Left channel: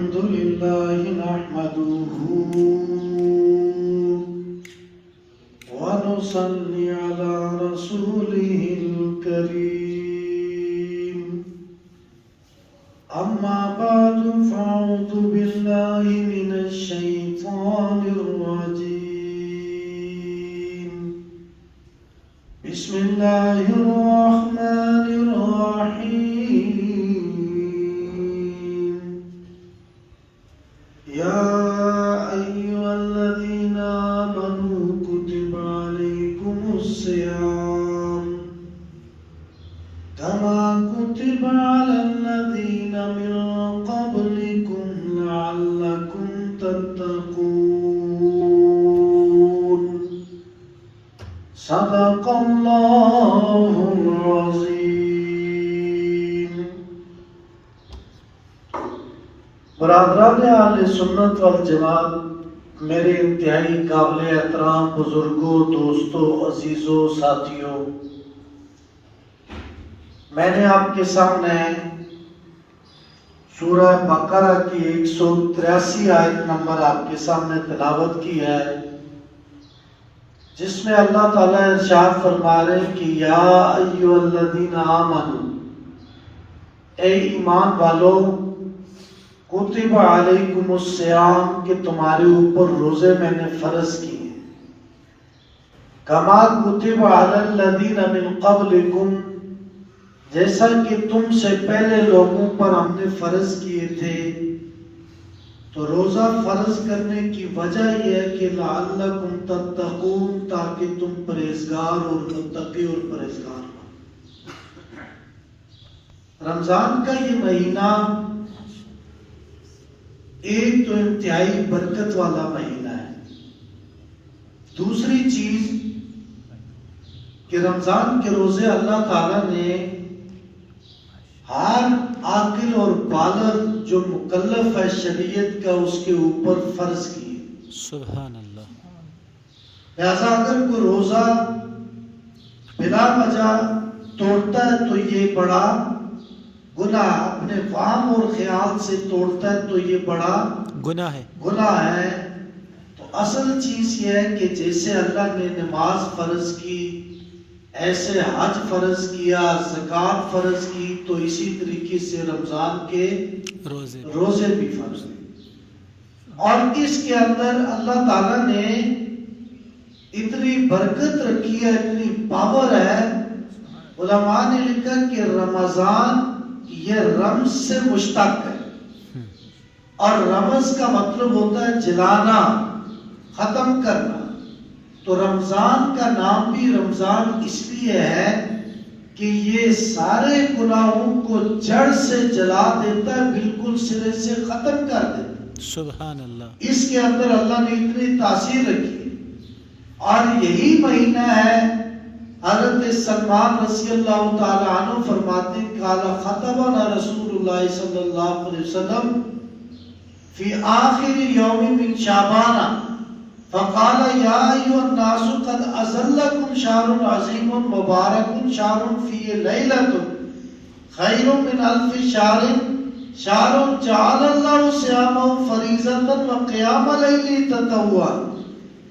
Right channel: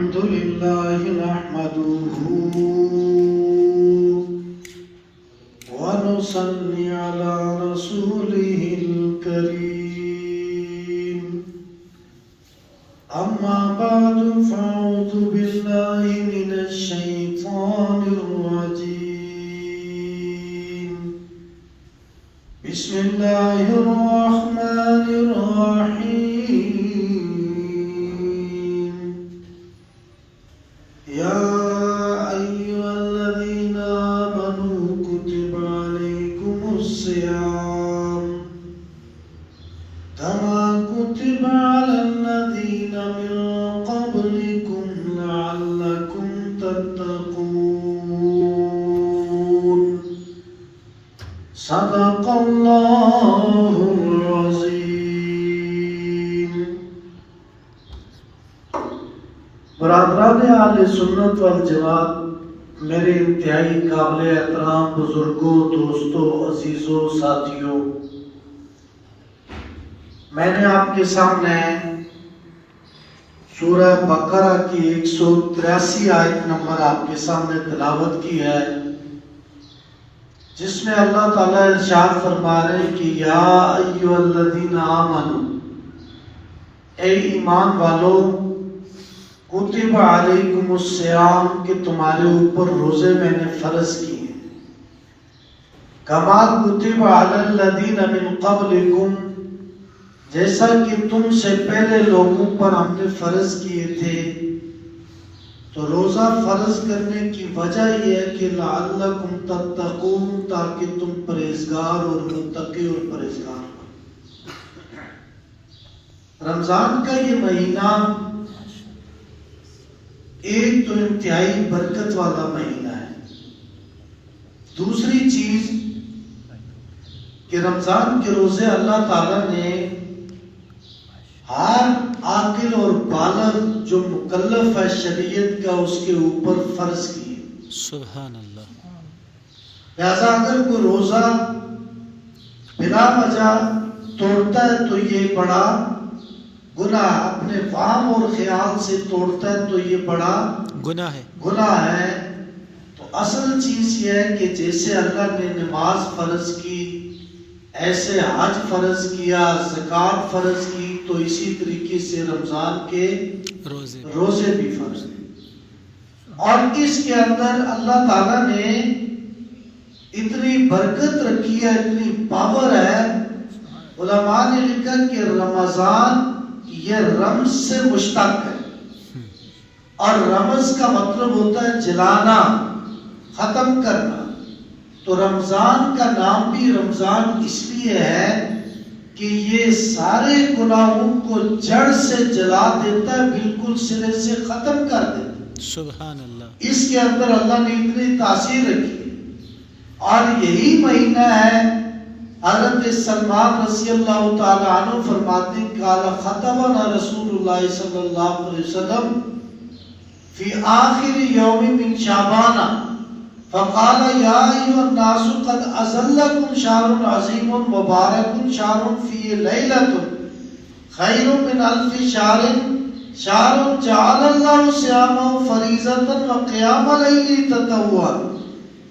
الحمد لله نحمده ونصلي على رسوله الكريم أما بعد فأعوذ بالله من الشيطان الرجيم بسم الله الرحمن الرحيم يا أيها الذين آمنوا كتب عليكم الصيام كما كتب على الذين من قبلكم لعلكم تتقون صدق الله العظيم. برادران اہل سنت والجماعت، میرے انتہائی قابل احترام بزرگوں، دوستوں، عزیزوں، ساتھیوں، میں نے آپ کے سامنے سورہ بقرہ کی 183 آیت نمبر آپ کے سامنے تلاوت کی ہے، جس میں اللہ تعالیٰ ارشاد فرما رہے کہ یا ایھا الذین آمنوا، اے ایمان والو، کتب علیکم الصیام، کہ تمہارے اوپر روزے میں نے فرض کیے، کما کتب علی الذین من قبلکم، جیسا کہ تم سے پہلے لوگوں پر ہم نے فرض کیے تھے. تو روزہ فرض کرنے کی وجہ یہ ہے کہ لعلکم تتقون، تاکہ تم پرہیزگار اور متقی اور پرہیزگار ہو. رمضان کا یہ مہینہ ایک تو انتہائی برکت والا مہینہ ہے. دوسری چیز کہ رمضان کے روزے اللہ تعالیٰ نے ہر عاقل اور بالغ جو مکلف ہے شریعت کا، اس کے اوپر فرض کیے. سبحان اللہ. لہذا اگر کوئی روزہ بلا وجہ توڑتا ہے تو یہ بڑا گناہ، اپنے فہم اور خیال سے توڑتا ہے تو یہ بڑا گناہ ہے. تو اصل چیز یہ ہے کہ جیسے اللہ نے نماز فرض کی، ایسے حج فرض کیا، زکوٰۃ فرض کی، تو اسی طریقے سے رمضان کے روزے بھی فرض ہیں. اور اس کے اندر اللہ تعالیٰ نے اتنی برکت رکھی ہے، اتنی پاور ہے. علماء نے لکھا کہ رمضان یہ رمز سے مشتق ہے، اور رمز کا مطلب ہوتا ہے جلانا، ختم کرنا. تو رمضان کا نام بھی رمضان اس لیے ہے کہ یہ سارے گناہوں کو جڑ سے جلا دیتا ہے، بالکل سرے سے ختم کر دیتا ہے. سبحان اللہ. اس کے اندر اللہ نے اتنی تاثیر رکھی. اور یہی مہینہ ہے، حضرت سلمان رضی اللہ تعالی عنہ فرماتے ہیں قال خطبنا رسول اللہ صلی اللہ علیہ وسلم فی آخر یوم من شعبان فقال یا ایھا الناس قد اظلکم شہر عظیم مبارک شہر فیہ لیلۃ خیر من الف شہر شہر جعل اللہ صیامہ فریضۃ وقیام لیلہ تطوعا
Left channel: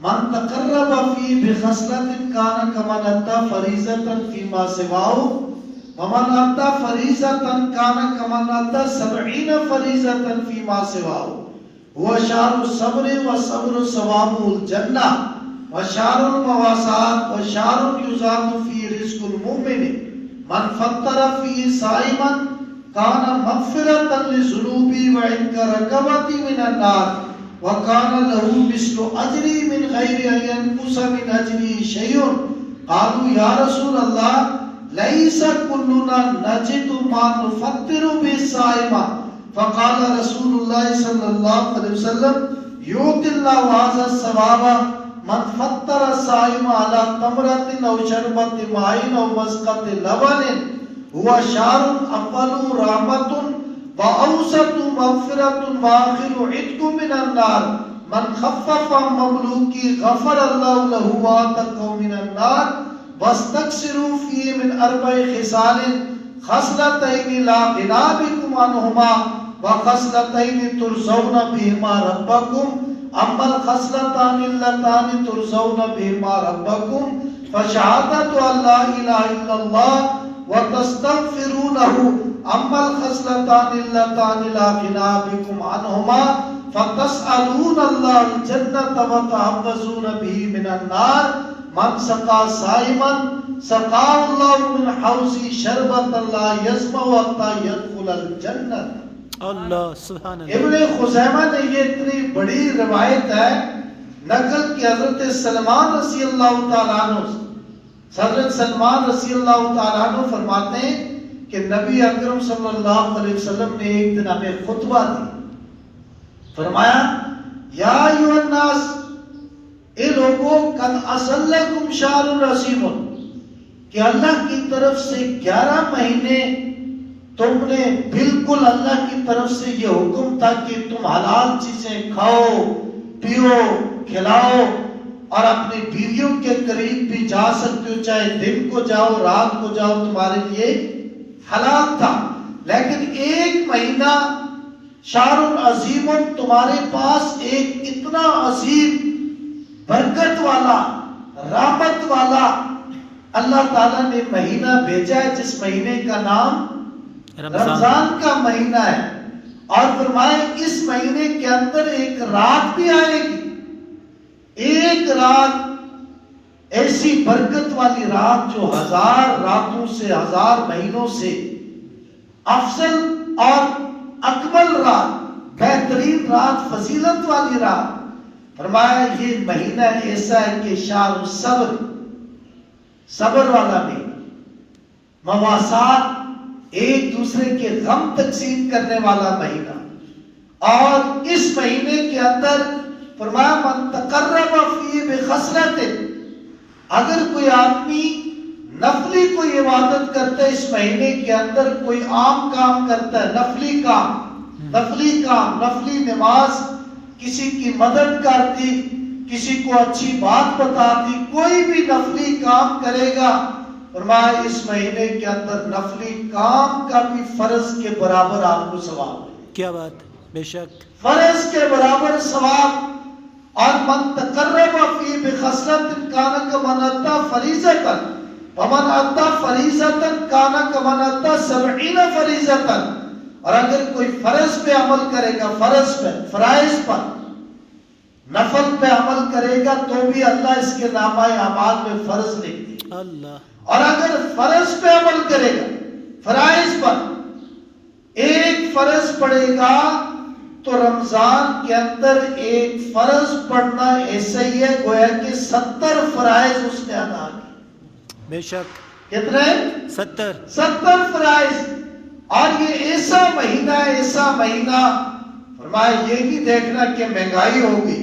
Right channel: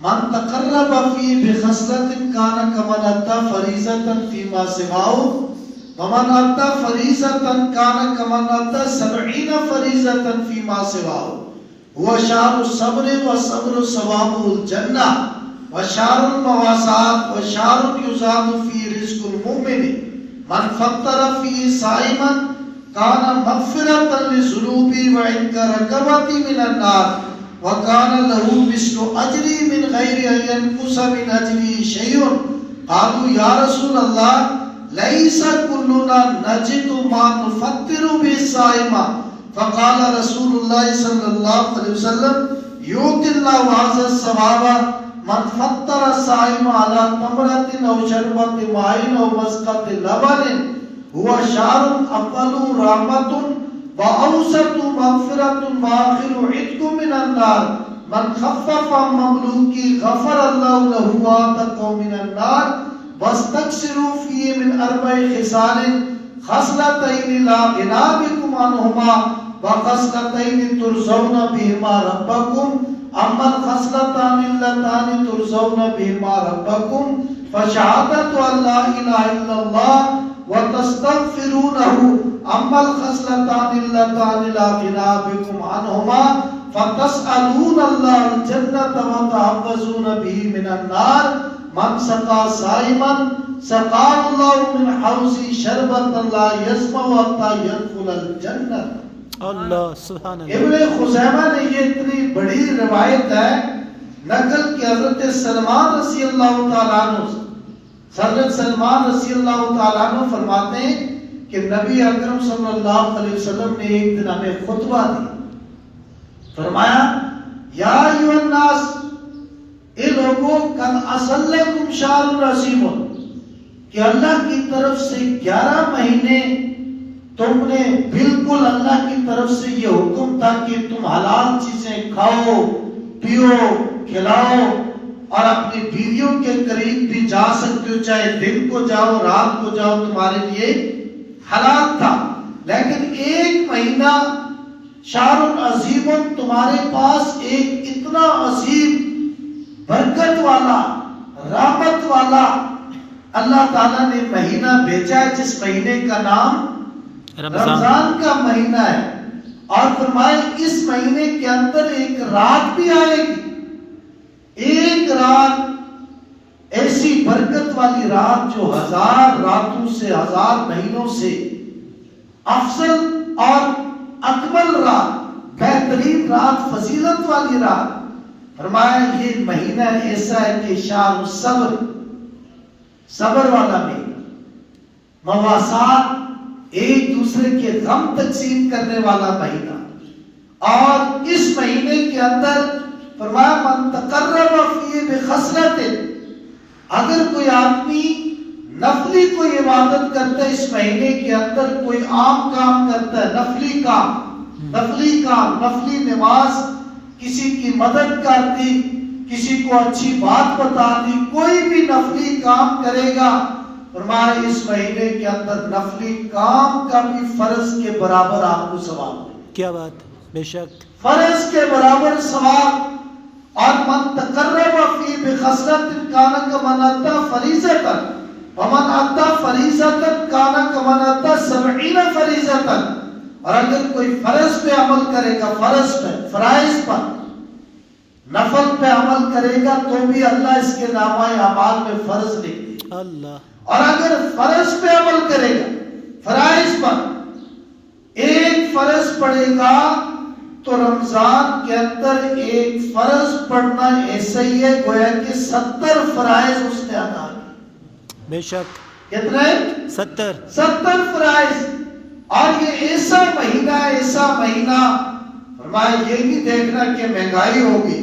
من تقرب فیہ بخصلۃ کان کمن ادی فریضۃ فیما سواہ ومن ادی فریضۃ کان کمن ادی 70 فریضۃ فیما سواہ وشار الصبر وصبر ثواب الجنہ وشار المواسات وشار یزاد فی رزق المؤمن من فطر فی صائما کان مغفرۃ للذنوب وعتق رقبۃ من النار وکان له مثل اجری من غیر ان ينقص من اجری شیء. قالوا یا رسول اللہ لیس کلنا نجد ما نفطر به الصائم. فقال رسول اللہ صلی اللہ علیہ وسلم یؤتی اللہ هذا الثواب من فطر الصائم على تمرۃ او شربۃ ماء او مسقۃ لبن هو شهر اول رحمۃ واوسط مغفرۃ واخر عتق من النار من خفف عن مملوکی غفر اللہ له واتقوا من النار واستكثروا فيه من 4 خصال خصلتين لا غنى بكم عنهما وخصلتين ترضون بهما ربكم أما الخصلتان اللتان ترضون بهما ربكم فشهادة أن لا إله إلا الله وتستغفرونه أما الخصلتان اللتان لا غنى بكم عنهما فتسألون الله الجنة وتحفظون به من النار من سقى صائما سقاه الله من حوضه شربة لا يظمأ حتى يدخل الجنة. اللہ سبحان اللہ. ابن خزیمہ نے یہ اتنی بڑی روایت ہے نقل کہ حضرت سلمان رضی اللہ تعالیٰ عنہ حضرت سلمان رضی اللہ تعالیٰ عنہ فرماتے ہیں کہ نبی اکرم صلی اللہ علیہ وسلم نے ایک دن ہمیں خطبہ دی. فرمایا یا ایھا الناس، اے لوگوں، قد اصلکم شہر عظیم، کہ اللہ کی طرف سے 11 مہینے تم نے بالکل اللہ کی طرف سے یہ حکم تھا کہ تم حلال چیزیں کھاؤ پیو کھلاؤ اور اپنی بیویوں کے قریب بھی جا سکتے ہو، چاہے دن کو جاؤ رات کو جاؤ، تمہارے لیے حلال تھا. لیکن ایک مہینہ شہر عظیم تمہارے پاس ایک اتنا عظیم برکت والا رحمت والا اللہ تعالیٰ نے مہینہ بھیجا ہے جس مہینے کا نام رمضان کا مہینہ ہے. اور فرمائے اس مہینے کے اندر ایک رات بھی آئے گی، ایک رات ایسی برکت والی رات جو 1000 راتوں سے 1000 مہینوں سے افضل اور اکمل رات، بہترین رات، فضیلت والی رات. فرمایا یہ مہینہ ایسا ہے کہ شہر صبر، صبر والا مہینہ، مواسات، ایک دوسرے کے غم تقسیم کرنے والا مہینہ. اور اس مہینے کے اندر فرمایا من تقرب فیہ بخصلۃ، اگر کوئی آدمی نفلی کوئی عبادت کرتا ہے اس مہینے کے اندر، کوئی عام کام کرتا ہے، نفلی کام، نفلی نماز، کسی کی مدد کرتی، کسی کو اچھی بات بتاتی، کوئی بھی نفلی کام کرے گا، فرمایا اس مہینے کے اندر نفلی کام کا بھی فرض کے برابر آپ کو ثواب. کیا بات، بے شک فرض کے برابر ثواب. اور من تقرب فی بخصلۃ کان کمن اتی فریضۃ ومن اتی فریضۃ کان کمن اتی 70 فریضۃ. اور اگر کوئی فرض پہ عمل کرے گا، فرض پہ، فرائض پر، نفل پہ عمل کرے گا تو بھی اللہ اس کے نامہ اعمال میں فرض لکھ دے. اللہ. اور اگر فرض پہ عمل کرے گا، فرائض پر ایک فرض پڑے گا تو رمضان کے اندر ایک فرض پڑھنا ایسا ہی ہے گویا کہ 70 فرائض اس نے ادا کیے. بے شک. کتنے؟ 70 فرائض. اور یہ ایسا مہینہ فرمایا یہ نہیں دیکھنا کہ مہنگائی ہوگی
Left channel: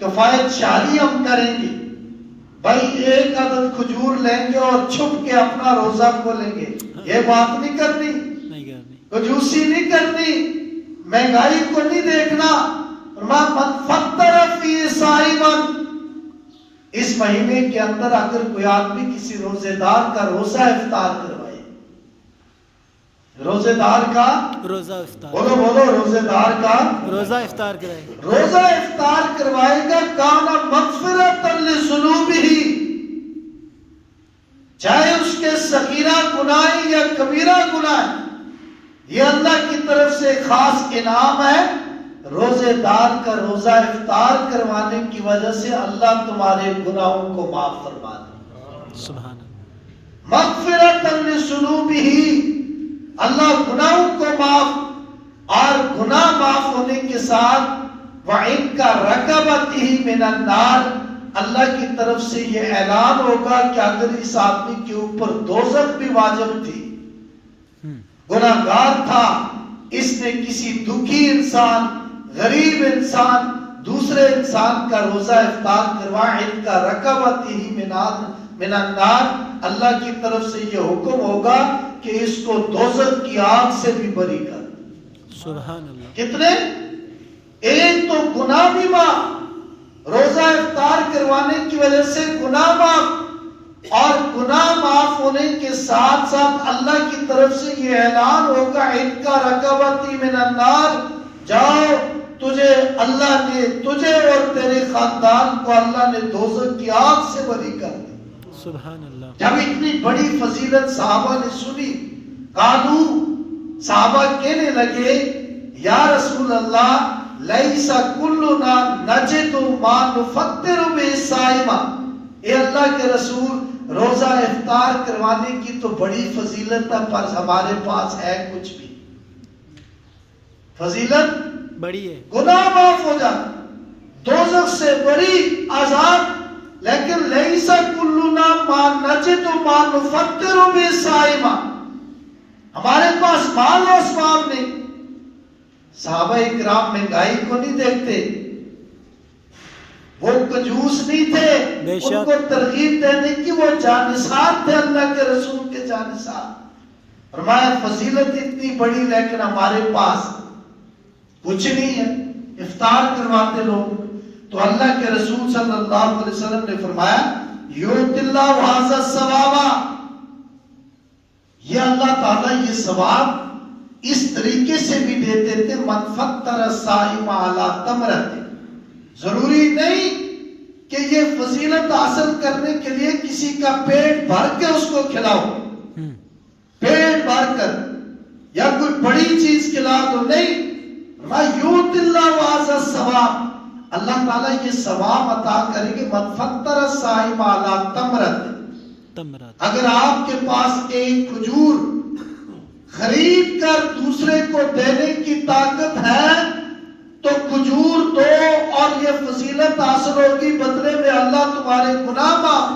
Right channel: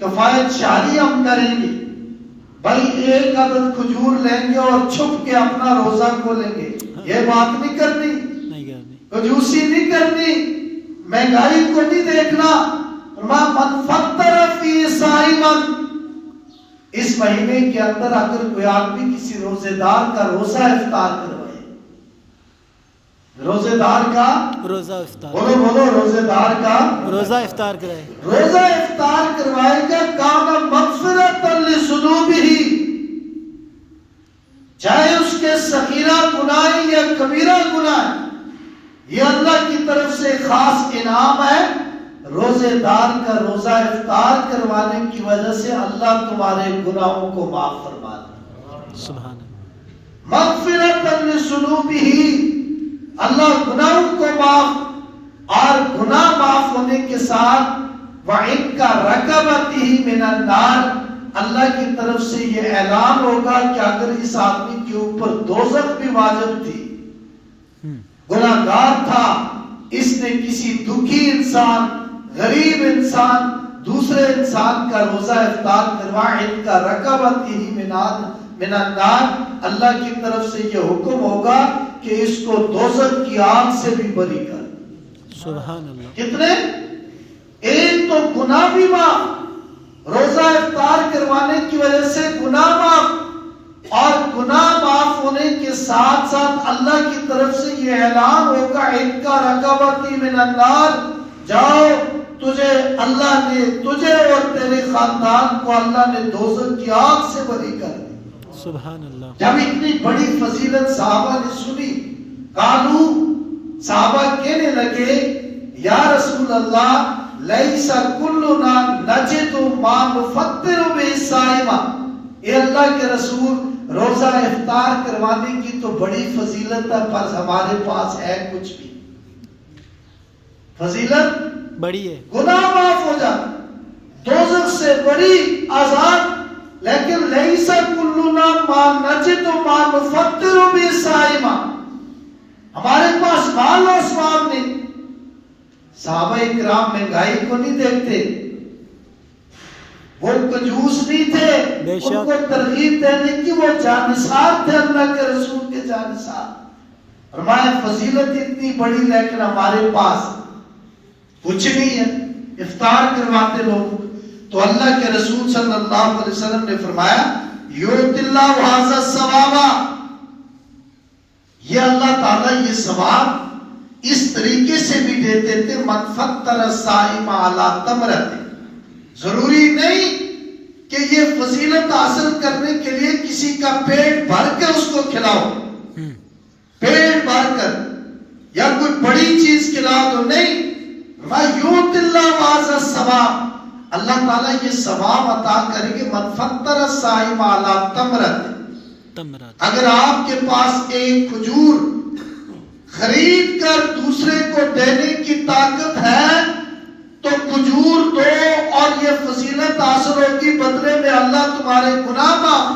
کفایت شہری ہم کریں گے، بھائی ایک عدد کھجور لیں گے اور چھپ کے اپنا روزہ کھولیں گے، یہ بات نہیں کرنی، کنجوسی نہیں کرنی، مہنگائی کو نہیں دیکھنا. من فطر فی صائما، اس مہینے کے اندر اگر کوئی آدمی کسی روزے دار کا روزہ افطار کروائے، روزے دار کا روزہ افطار، بولو روزے دار کا روزہ افطار کرائے، روزہ افطار کروائے گا، کان مغفرۃ لذنوبہ، چاہے اس کے صغیرہ گناہ یا کبیرہ گناہ، یہ اللہ کی طرف سے خاص انعام ہے. روزے دار کا روزہ افطار کروانے کی وجہ سے اللہ تمہارے گناہوں کو معاف فرما دے. سبحان اللہ. مغفرۃ لذنوبہ، اللہ گناہوں کو معاف، اور گناہ معاف ہونے کے ساتھ وَعِنْ کا رَقَبَتِهِ مِنَ النَّارِ، اللہ کی طرف سے یہ اعلان ہوگا کہ اگر اس آدمی کے اوپر دوزخ بھی واجب تھی، گناہگار تھا، اس نے کسی دکھی انسان، غریب انسان، دوسرے انسان کا روزہ افطار کروا، ان کا رقبتہ من النار، اللہ کی طرف سے یہ حکم ہوگا کہ اس کو دوزخ کی آگ سے بھی بری کر. سبحان اللہ. کتنے؟ ایک تو گناہ بھی معاف، روزہ افطار کروانے کی وجہ سے گناہ معاف، اور گناہ معاف ہونے کے ساتھ ساتھ اللہ کی طرف سے یہ اعلان ہوگا عتق رقبۃ من النار، جاؤ تجھے اللہ نے، تجھے اور تیرے خاندان کو اللہ نے دوزخ کی آگ سے بری کر دی۔ سبحان اللہ۔ جب اتنی بڑی فضیلت صحابہ نے سنی، قالو صحابہ کہنے لگے یا رسول اللہ لیس کلنا نجد ما نفطر بالصائم، اے اللہ کے رسول روزہ افطار کروانے کی تو بڑی فضیلت ہے، پر ہمارے پاس ہے کچھ بھی، فضیلت بڑی ہے، گناہ معاف ہو جاتا، دوزخ سے بڑی آزاد، لیکن لیس کلنا ما نجد ما نفطر بالصائم، ہمارے پاس مال و اسباب نہیں۔ صحابہ کرام مہنگائی کو نہیں دیکھتے، وہ کنجوس نہیں تھے، ان کو ترغیب دینے کی وہ جانثار تھے، اللہ کے رسول کے جانثار۔ فرمایا فضیلت اتنی بڑی لیکن ہمارے پاس کچھ نہیں ہے، افطار کرواتے لوگ۔ تو اللہ کے رسول صلی اللہ علیہ وسلم نے فرمایا یؤتی اللہ ھذا الثواب، یہ اللہ تعالیٰ یہ ثواب اس طریقے سے بھی دیتے تھے، من فطر الصائم علی تمرۃ، ضروری نہیں کہ یہ فضیلت حاصل کرنے کے لیے کسی کا پیٹ بھر کے اس کو کھلاؤ، پیٹ بھر کر یا کوئی بڑی چیز کھلا دو، نہیں، یؤتی اللہ ھذا الثواب، اللہ تعالیٰ یہ ثواب عطا کریں گے، من فطر الصائم علی تمرۃ، اگر آپ کے پاس ایک کھجور خرید کر دوسرے کو دینے کی طاقت ہے تو کھجور دو اور یہ فضیلت حاصل ہوگی، بدلے میں اللہ تمہارے گناہ معاف،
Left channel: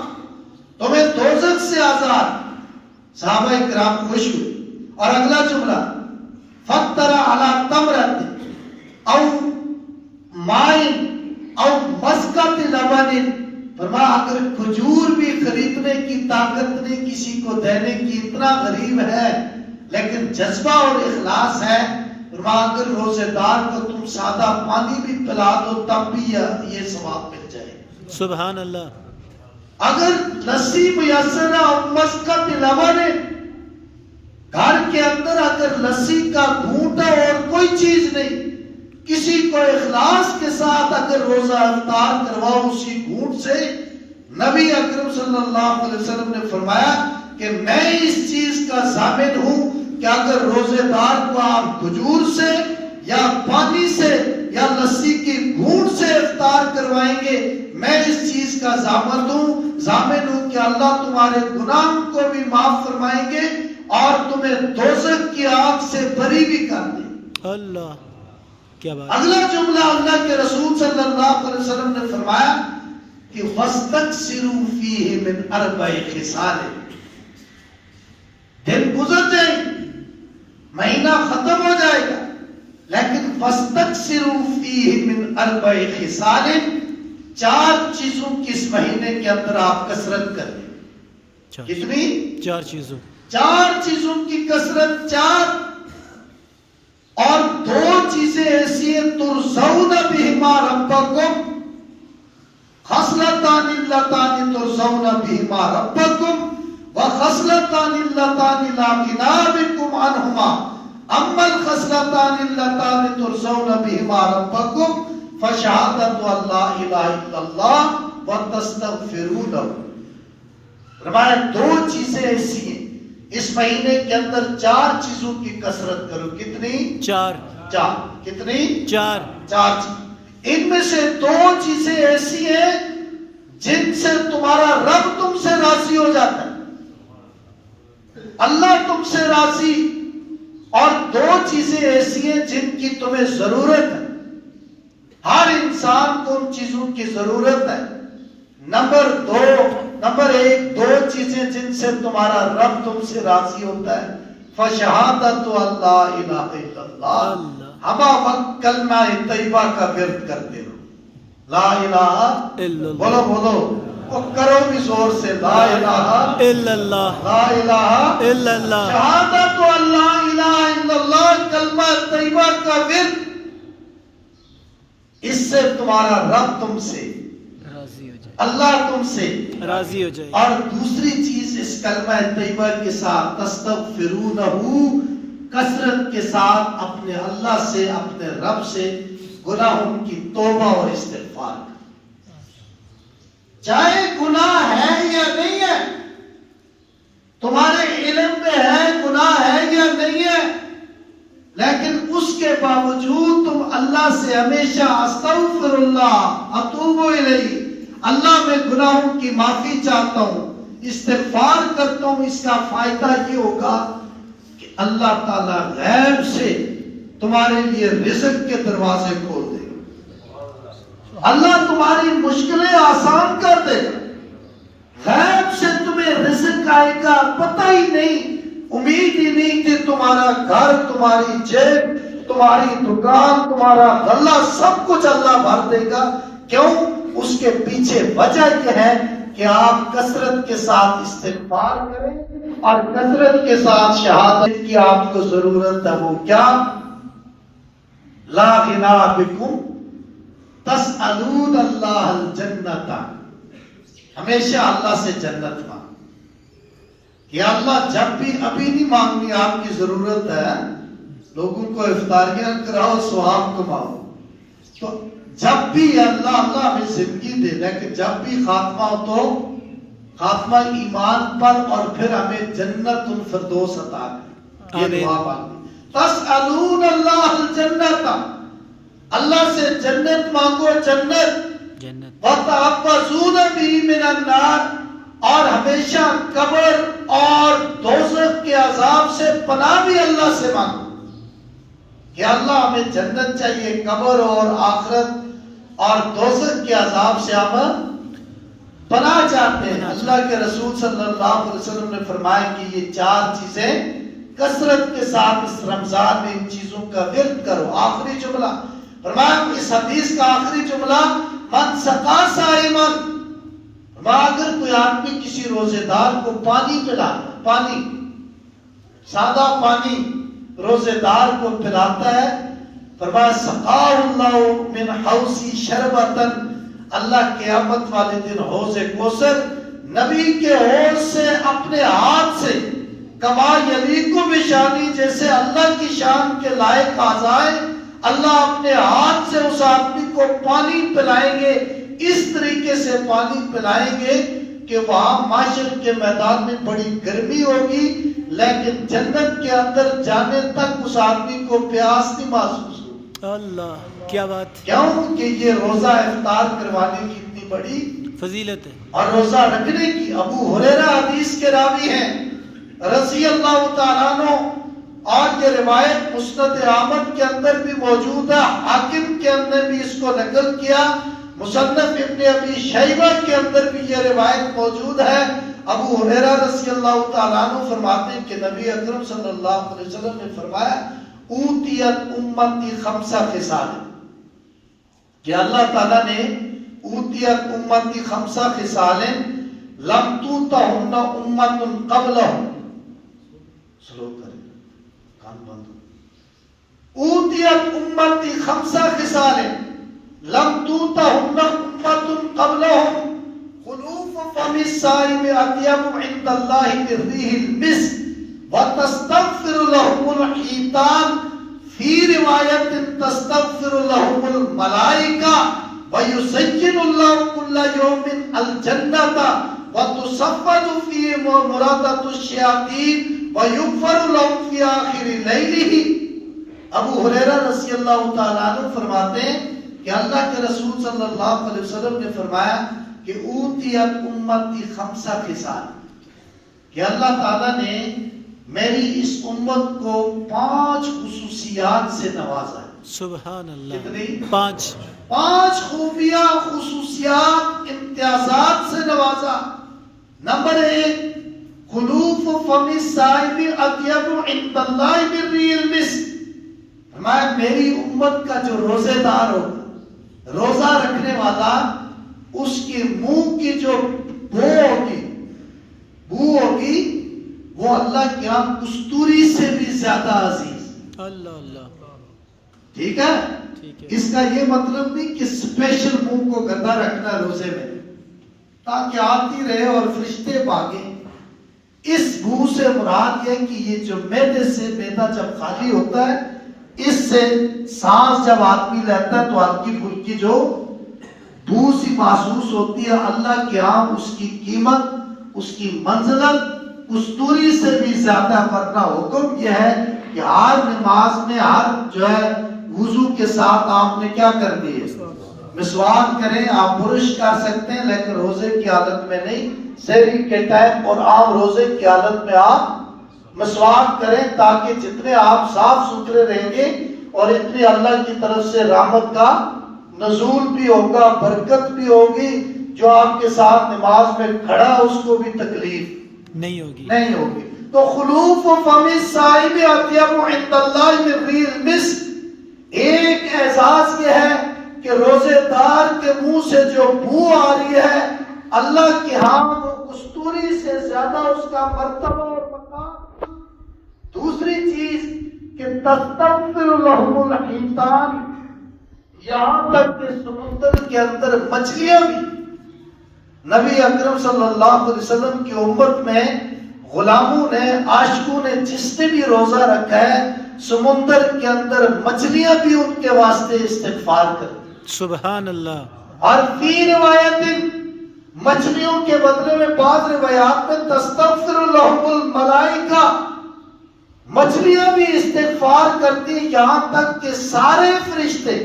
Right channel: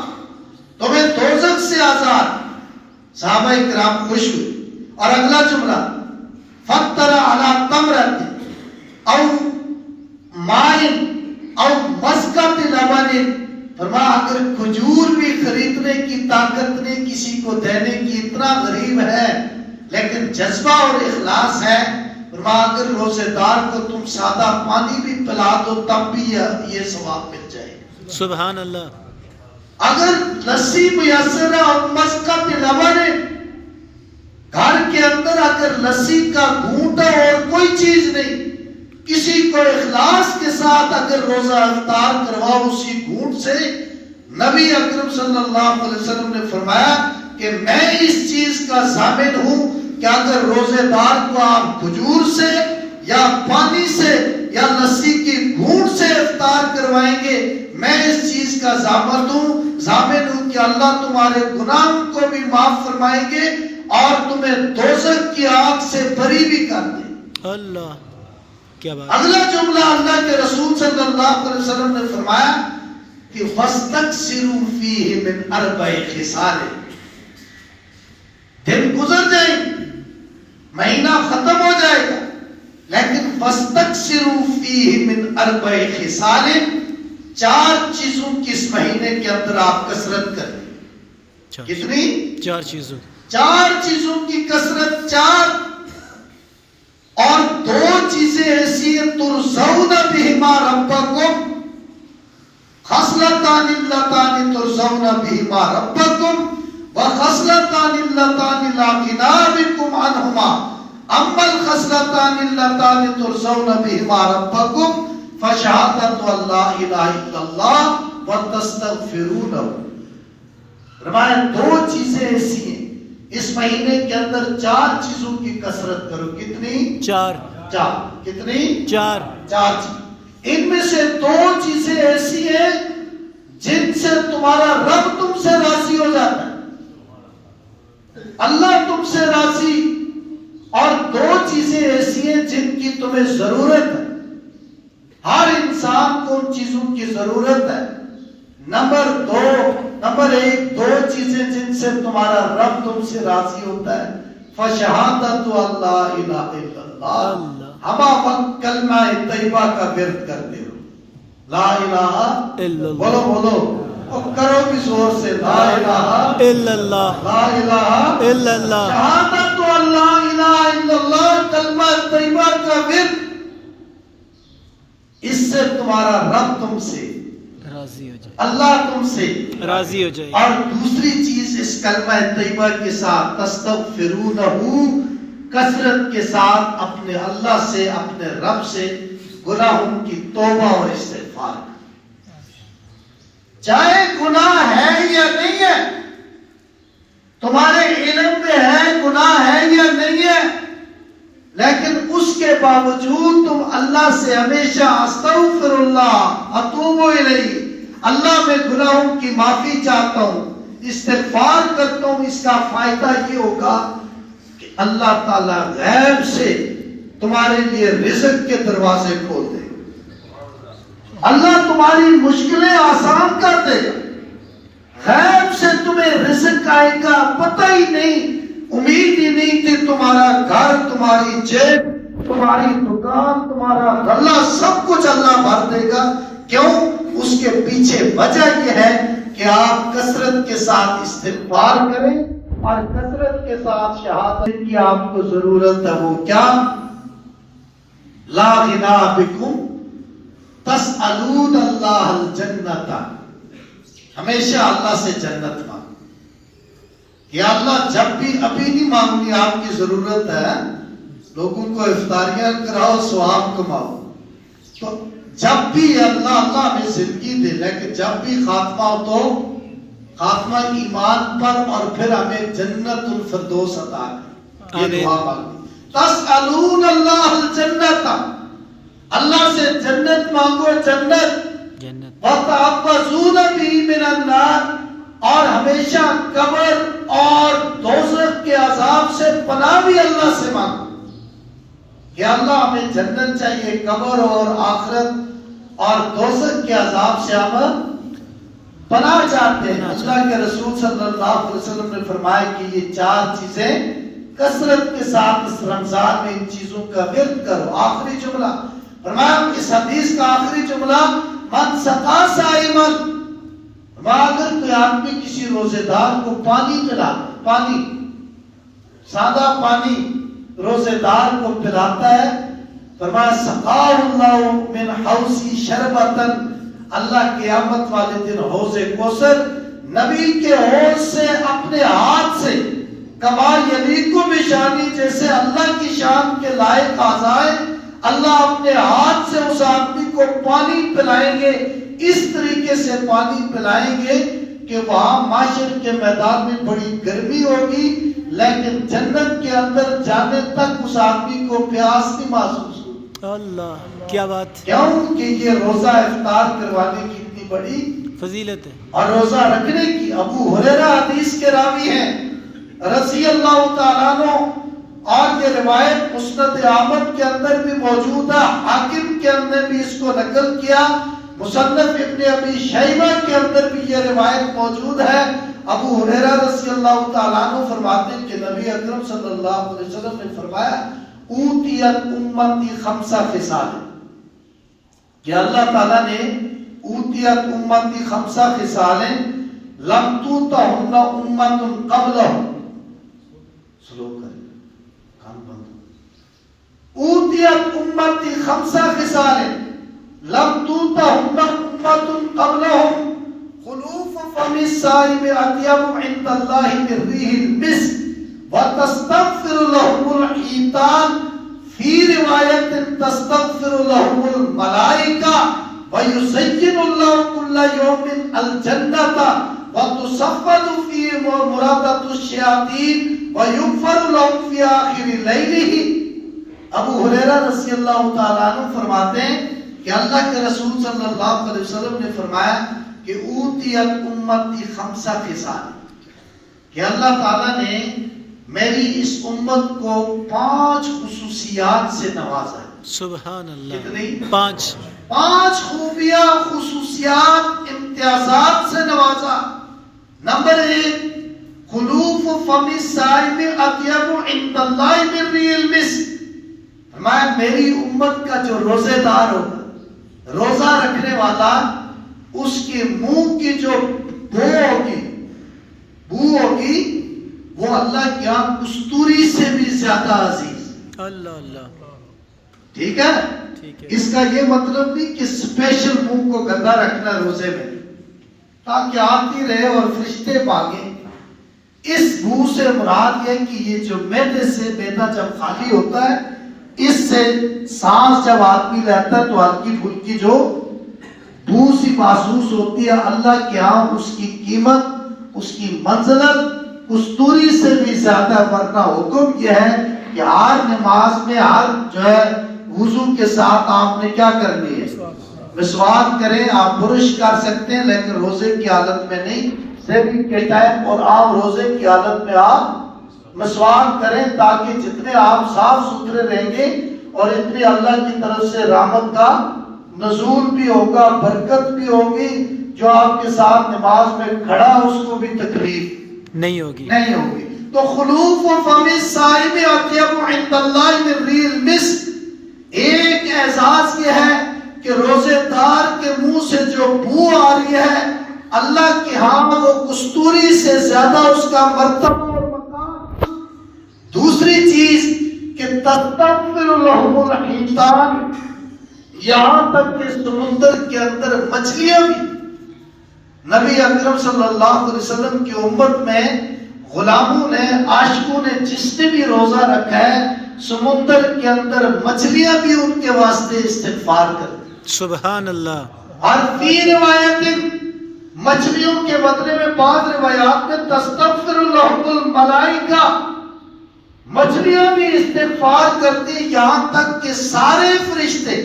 تمہیں دوزخ سے آزاد۔ صحابہ کرام خوش ہوئے۔ اور اگلا جملہ فطر علی تمرۃ او مائن او مسکۃ لبن، فرمایا اگر کھجور بھی خریدنے کی طاقت نہیں، کسی کو دینے کی، اتنا غریب ہے لیکن جذبہ اور اخلاص ہے، فرمایا اگر روزے دار کو تم سادہ پانی بھی پلا دو تب بھی یہ ثواب مل جائے گا۔ سبحان اللہ۔ اگر لسی میسر ہے اور مسکۃ لبن ہے، گھر کے اندر اگر لسی کا گھونٹ ہے اور کوئی چیز نہیں، کسی کو اخلاص کے ساتھ اگر روزہ افطار کرواؤ اسی گھونٹ سے، نبی اکرم صلی اللہ علیہ وسلم نے فرمایا کہ میں اس چیز کا ضامن ہوں کہ اگر روزے دار کو آپ کھجور سے یا پانی سے یا لسی کی گھونٹ سے افطار کروائیں گے، میں اس چیز کا ضامن ہوں کہ اللہ تمہارے گناہوں کو بھی معاف فرمائیں گے اور تمہیں دوزخ کی آگ سے بری بھی کر دیں۔ اللہ کیا بات۔ اگلا جملہ اللہ کے رسول صلی اللہ علیہ وسلم نے فرمایا کہ وَاسْتَكْسِرُوا فِيهِ مِنْ أَرْبَعِ خِصَالٍ، دن گزر جائیں گے، مہینہ ختم ہو جائے گا، لیکن وَاسْتَكْسِرُوا فِيهِ مِنْ أَرْبَعِ خِصَالٍ، 4 چیزوں کی اس مہینے کے اندر آپ کثرت کریں۔ کتنی؟ 4 چیزوں، 4 چیزوں کی کثرت، 4 اور 2 چیزیں ایسی ہیں ترزون بہما ربکم، خصلتان اللتان ترزون بہما ربکم وخصلتان اللتان لا غنی بکم عنہما، اما الخصلتان اللتان ترزون بہما ربکم فشہادۃ ان لا الہ الا اللہ وتستغفروا لہ۔ فرمایا 2 چیزیں ایسی ہیں اس مہینے کے اندر، 4 چیزوں کی کثرت کرو۔ کتنی؟ 4۔ کتنی؟ 4 چیز۔ ان میں سے 2 چیزیں ایسی ہیں جن سے تمہارا رب تم سے راضی ہو جاتا ہے، اللہ تم سے راضی، اور 2 چیزیں ایسی ہیں جن کی تمہیں ضرورت ہے، ہر انسان کو ان چیزوں کی ضرورت ہے۔ نمبر 1 2 چیزیں جن سے تمہارا رب تم سے راضی ہوتا ہے، فشہادت اللہ الہ الا اللہ، ہما وقت کلمہ طیبہ کا ورد کرتے ہو، لا الہ الا اللہ، بولو اور کرو بھی زور سے، لا الہ الا اللہ، لا الہ الا اللہ، شہادت اللہ الہ الا اللہ، کلمہ طیبہ کا ورد، اس سے تمہارا رب تم سے راضی ہو جائے، اللہ تم سے راضی ہو جائے. اور دوسری چیز اس کلمہ طیبہ کے ساتھ تستغفرونہ، کثرت کے ساتھ اپنے اللہ سے، اپنے رب سے گناہوں کی توبہ اور استغفار. چاہے گناہ ہے یا نہیں ہے، تمہارے علم میں ہے گناہ ہے یا نہیں ہے، لیکن اس کے باوجود تم اللہ سے ہمیشہ استغفر اللہ اتوب الیہ، اللہ میں گناہوں کی معافی چاہتا ہوں، استغفار کرتا ہوں. اس کا فائدہ یہ ہوگا کہ اللہ تعالی غیب سے تمہارے لیے رزق کے دروازے کھول دے، اللہ تمہاری مشکلیں آسان کر دے گا، غیب سے تمہیں رزق آئے گا، پتہ ہی نہیں، امید ہی نہیں کہ تمہارا گھر، تمہاری جیب، تمہاری دکان، تمہارا غلہ، سب کچھ اللہ بھر دے گا. کیوں؟ اس کے پیچھے وجہ یہ ہے کہ آپ کثرت کے ساتھ استغفار کریں اور کثرت کے ساتھ شہادت کی آپ کو ضرورت ہے. وہ کیا؟ لا غنا بکم تسألون اللہ الجنت، ہمیشہ اللہ سے جنت مانگ. یا اللہ جب بھی، ابھی نہیں مانگنی، آپ کی ضرورت ہے، لوگوں کو افطاریاں کراؤ، ثواب کماؤ، تو جب بھی اللہ ہمیں زندگی دے، لیکن جب بھی خاتمہ ہو تو خاتمہ ایمان پر، اور پھر ہمیں جنت الفردوس عطا کرے. یہ دعا مانگی. تسألون اللہ الجنت، اللہ سے جنت مانگو، جنت. وَتَعَوَّذُونَ بِهِ مِنَ النَّارِ، اور ہمیشہ قبر اور دوزخ کے عذاب سے پناہ بھی اللہ سے مانگو کہ اللہ ہمیں جنت چاہیے، قبر اور آخرت اور دوزخ کے عذاب سے ہم پناہ چاہتے ہیں. اللہ کے رسول صلی اللہ علیہ وسلم نے فرمایا کہ یہ 4 چیزیں کثرت کے ساتھ اس رمضان میں ان چیزوں کا ورد کرو. آخری جملہ فرمایا، اس حدیث کا آخری جملہ، من سقا صائمن، اگر کوئی آدمی کسی روزے دار کو پانی پلا، پانی، سادہ پانی روزے دار کو پلاتا ہے، فرمایا سقاہ اللہ من حوضی شربتن، اللہ قیامت والے دن حوض کوثر نبی کے حوض سے اپنے ہاتھ سے، کما یلیق بشانی، جیسے اللہ کی شان کے لائق آ جائے، اللہ اپنے ہاتھ سے اس آدمی کو پانی پلائیں گے، اس طریقے سے پانی پلائیں گے کہ وہاں معاشر کے میدان میں بڑی گرمی ہوگی، لیکن جنت کے اندر جانے تک اس آدمی کو پیاس نہیں محسوس ہوگی. اللہ کیا بات، کیوں کہ یہ روزہ افطار کروانے کی اتنی بڑی فضیلت ہے، اور روزہ رکھنے کی. ابو ہریرہ حدیث کے راوی ہیں رضی اللہ تعالیٰ عنہ، اور یہ روایت مسند احمد کے اندر بھی موجود ہے، حاکم کے اندر بھی اس کو نقل کیا، مصنف ابن ابی شیبہ کے اندر بھی یہ روایت موجود ہے. ابو ہریرہ رضی اللہ تعالیٰ عنہ فرماتے ہیں کہ نبی اکرم صلی اللہ علیہ وسلم نے فرمایا، اوتیت امتی 5 خصال، کہ اللہ تعالیٰ نے اوتیت امتی 5 خصال لم توتہن امت قبلہم، سلو کریں کان بند، اوتیت امتی 5 خصال لم توتہن امت قبلہم، خلوف فم الصائم اطیب عند اللہ من ریح المسک، وتستغفر لهم الحیتان، فی روایت تستغفر لهم الملائکہ، ویزین اللہ کل یوم الجنت، وتصفد فی مرادت الشیاطین، ویغفر لهم فی آخر لیلہ. ابو ہریرہ رضی اللہ تعالیٰ عنہ فرماتے ہیں کہ اللہ کے رسول صلی اللہ علیہ وسلم نے فرمایا کہ اوتیت امتی 5 خصال، کہ اللہ تعالیٰ نے میری اس امت کو 5 خصوصیات سے نوازا ہے. سبحان اللہ. کتنی؟ 5 خوبیاں، خصوصیات، امتیازات سے نوازا. نمبر 1، خلوف فم الصائم اطیب عند اللہ من ریح المسک. میری امت کا جو روزے دار ہوگا، روزہ رکھنے والا، اس کے منہ کی جو بو ہوگی وہ اللہ کے ہاں کستوری سے بھی زیادہ عزیز. اللہ اللہ. ٹھیک ہے؟ ٹھیک ہے اس کا یہ مطلب نہیں کہ اسپیشل منہ کو گندا رکھنا روزے میں، تاکہ آتی رہے اور فرشتے بھاگیں۔ اس بو سے مراد یہ کہ یہ جو معدے سے معدہ جب خالی ہوتا ہے، اس سے سانس جب آدمی لیتا ہے تو ہلکی پھلکی جو بو سی محسوس ہوتی ہے، اللہ کے ہاں اس کی قیمت، اس کی منزلت کستوری سے بھی زیادہ ہے۔ ورنہ حکم یہ ہے کہ ہر نماز میں ہر جو ہے وضو کے ساتھ آپ نے کیا کرنی ہے؟ مسواک کریں۔ آپ برش کر سکتے ہیں لیکن روزے کی حالت میں نہیں، سحری کے ٹائم اور عام روزے کی حالت میں آپ مسواک کریں، تاکہ جتنے آپ صاف ستھرے رہیں گے اور اتنی اللہ کی طرف سے رحمت کا نزول بھی ہوگا، برکت بھی ہوگی، جو آپ کے ساتھ نماز میں کھڑا اس کو بھی تکلیف نہیں ہوگی۔ نہیں ہوگی۔ تو خلوف فم الصائم اطیب عند اللہ من ریح المسک، ایک اعزاز یہ ہے کہ روزے دار کے منہ سے جو بو آ رہی ہے اللہ کے ہاں وہ کستوری سے زیادہ اس کا مرتبہ اور مقام۔ دوسری چیز کہ تستغفر لهم الحیتان، یہاں تک کہ سمندر کے اندر مچھلیاں بھی، نبی اکرم صلی اللہ علیہ وسلم کی امت میں غلاموں نے، عاشقوں نے، جس نے بھی روزہ رکھا ہے، سمندر کے اندر مچھلیاں بھی ان کے واسطے استغفار کرتی۔ سبحان اللہ۔ اور فی روایت، مچھلیوں کے بدلے میں بعض روایات میں تستغفر لهم الملائکہ، مچھلیاں بھی استغفار کرتی، یہاں تک کہ سارے فرشتے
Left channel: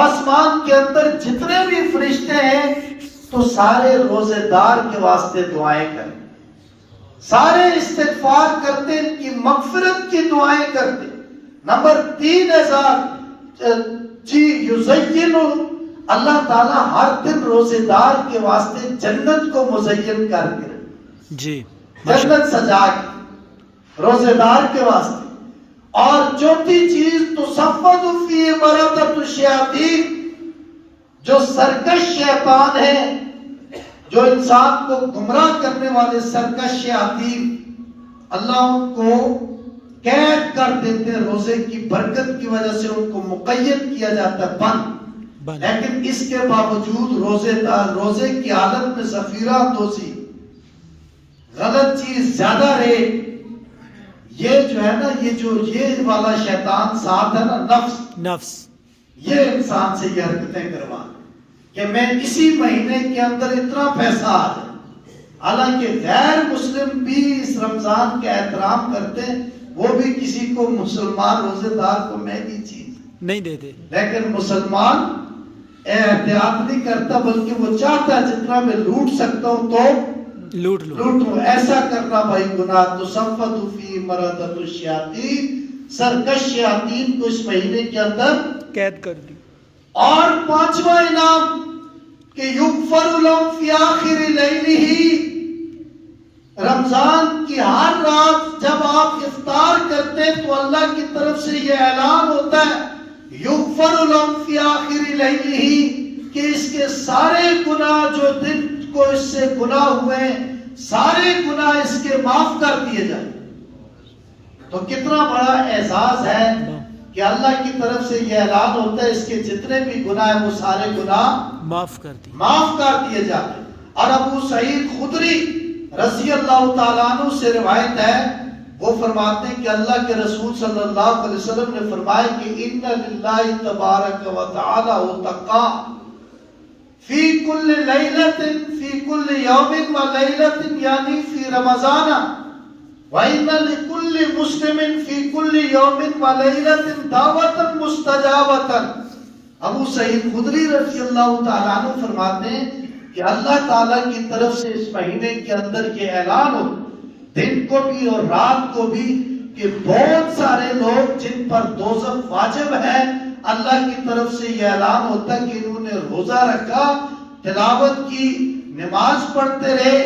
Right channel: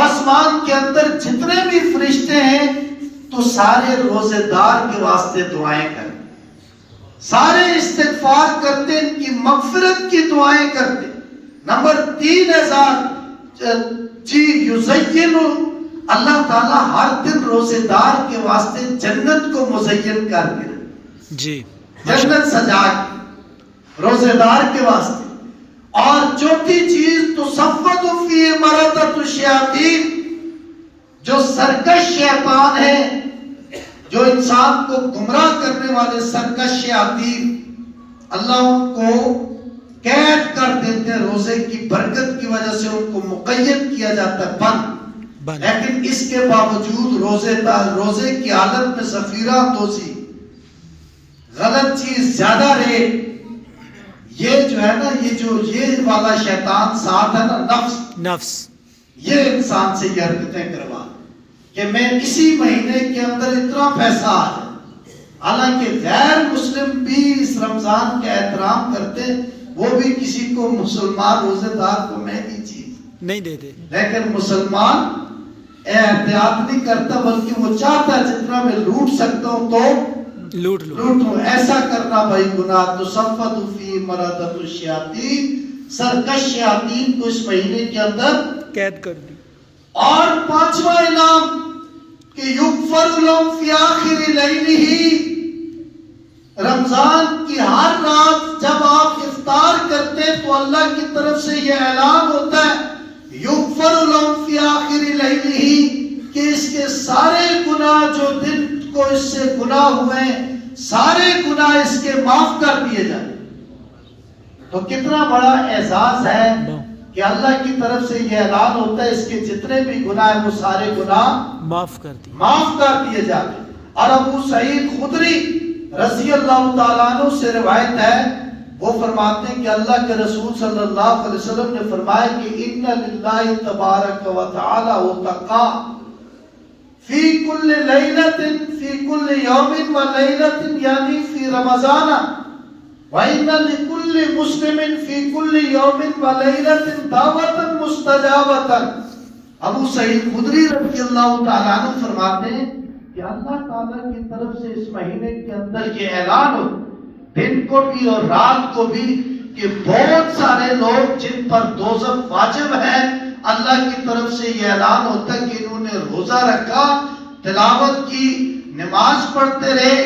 آسمان کے اندر جتنے بھی فرشتے ہیں تو سارے روزے دار کے واسطے دعائیں کریں، سارے استغفار کرتے، ان کی مغفرت کی دعائیں کرتے۔ نمبر 3000 جی یزین، اللہ تعالیٰ ہر دن روزے دار کے واسطے جنت کو مزین کر کے، جی جنت سجا کے روزے دار کے واسطے۔ اور چوتھی چیز تصفد فی مردۃ الشیاطین، جو سرکش شیطان ہے، جو انسان کو گمراہ کرنے والے سرکش شیاطین، اللہ ان کو قید کر دیتے ہیں، روزے کی برکت کی وجہ سے ان کو مقید کیا جاتا ہے، بند۔ لیکن اس کے باوجود روزے کی حالت میں ذخیرہ دوزی، غلط چیز زیادہ رہے، یہ جو ہے نا، یہ والا شیطان ساتھ ہے نا، نفس، یہ انسان سے یہ حرکتیں کروا کہ میں اسی مہینے کے اندر اتنا پیسہ آ جائے۔ حالانکہ غیر مسلم بھی اس رمضان کا احترام کرتے ہیں، وہ بھی کسی کو مسلمان روزے دار کو مہنگی چیز نہیں دیتے، لیکن مسلمان احتیاط نہیں کرتا، بلکہ وہ چاہتا ہے جتنا میں لوٹ سکتا ہوں تو لوٹوں۔ ایسا کرنا بھائی گناہ۔ تصفد فی مردۃ الشیاطین، سرکش شیاطین کو اس مہینے کے اندر قید کر دی۔ اور 5واں انعام کہ یغفر لهم فی آخر لیلہ، رمضان کی ہر رات جب آپ افطار کرتے ہیں تو اللہ کی طرف سے یہ اعلان ہوتا ہے یغفر لهم فی آخر لیلہ، کہ اس کے سارے گناہ جو دن کو اس سے گناہ ہوئے ہیں، سارے گناہ اس کے معاف کر دیے جائیں۔ تو کتنا بڑا اعزاز ہے کہ اللہ کی طرف سے یہ اعلان ہوتا ہے اس کے جتنے بھی گناہ ہیں وہ سارے گناہ معاف کر دیے جاتے ہیں۔ اور ابو سعید خدری رضی اللہ تعالیٰ عنہ سے روایت ہے، وہ فرماتے ہیں کہ اللہ کے رسول صلی اللہ علیہ وسلم نے فرمایا کہ ان للہ تبارک و تعالی اتقا فی کل لیلۃ فی کل یوم و لیلۃ، یعنی فی رمضان، وَإِنَّ لِكُلِّ مُسْلِمٍ فِي كُلِّ يَوْمٍ وَلَيْلَةٍ دَعْوَةً مُسْتَجَابَةً۔ ابو سعید خدری رضی اللہ تعالیٰ عنہ فرماتے ہیں کہ اللہ تعالیٰ کی طرف سے اس مہینے کے اندر یہ اعلان ہو، دن کو بھی اور رات کو بھی، کہ بہت سارے لوگ جن پر دوزخ واجب ہے، اللہ کی طرف سے یہ اعلان ہوتا ہے کہ انہوں نے روزہ رکھا، تلاوت کی، نماز پڑھتے رہے،